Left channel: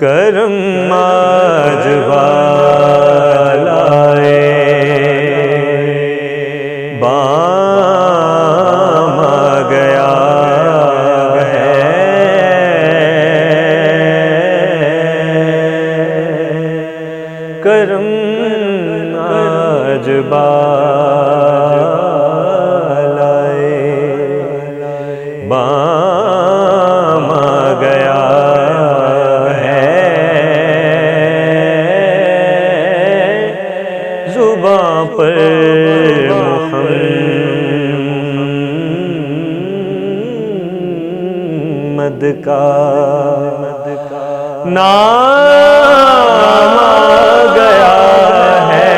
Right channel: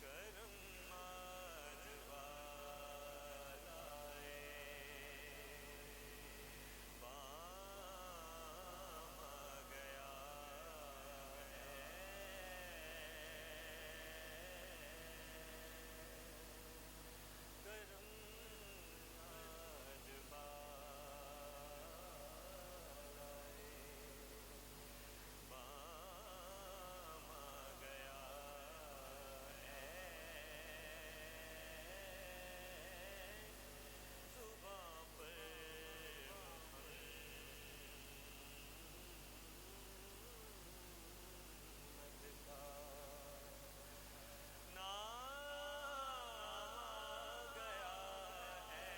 کرم آج والائے بام آ گیا ہے، کرم آج والائے بام آ گیا زباں پر محمد کا نام آ گیا ہے،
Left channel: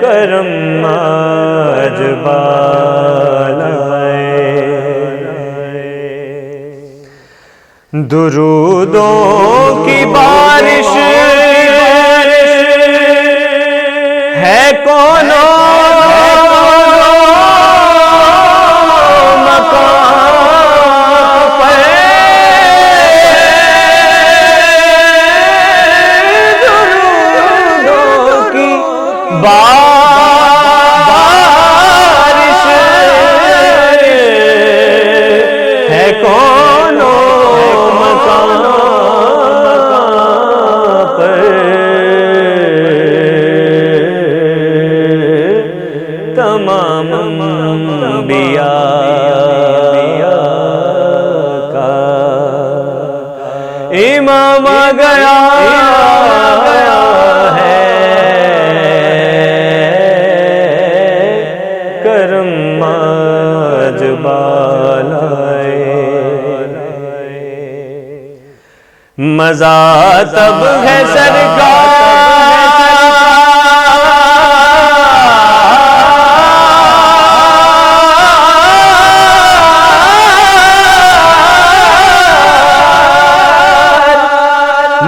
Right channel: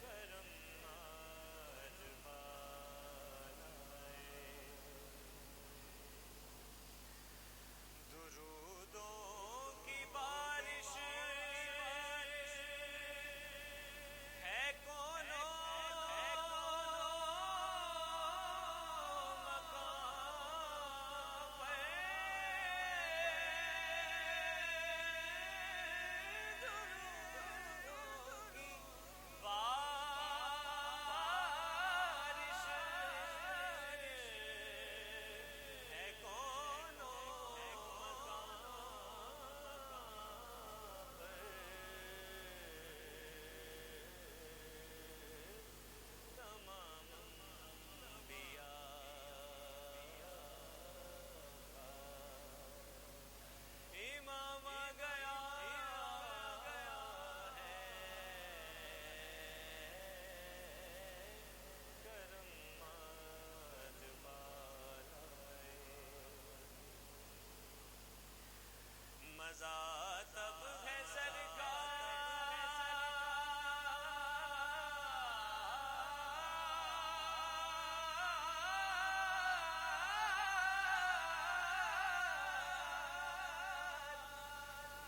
کرم آج والائے درودوں کی بارش ہے کون مقام پر، درودوں کی بارش ہے کون تمام انبیاء کا امام آ گیا ہے، کرم آج والائے مزہ تب ہے سرکار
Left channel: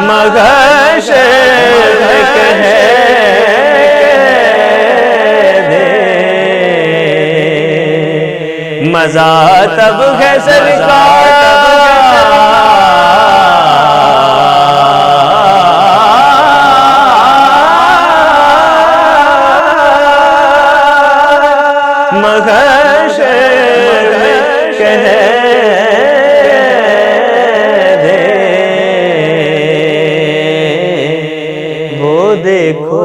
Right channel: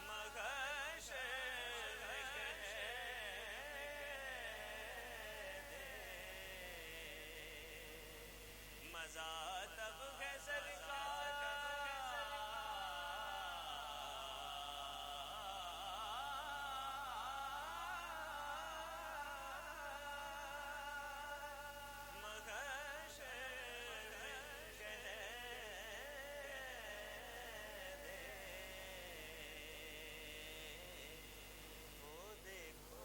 مگر شرک ہے دے مزہ تب ہے سرکار مگر شرک ہے دیکھو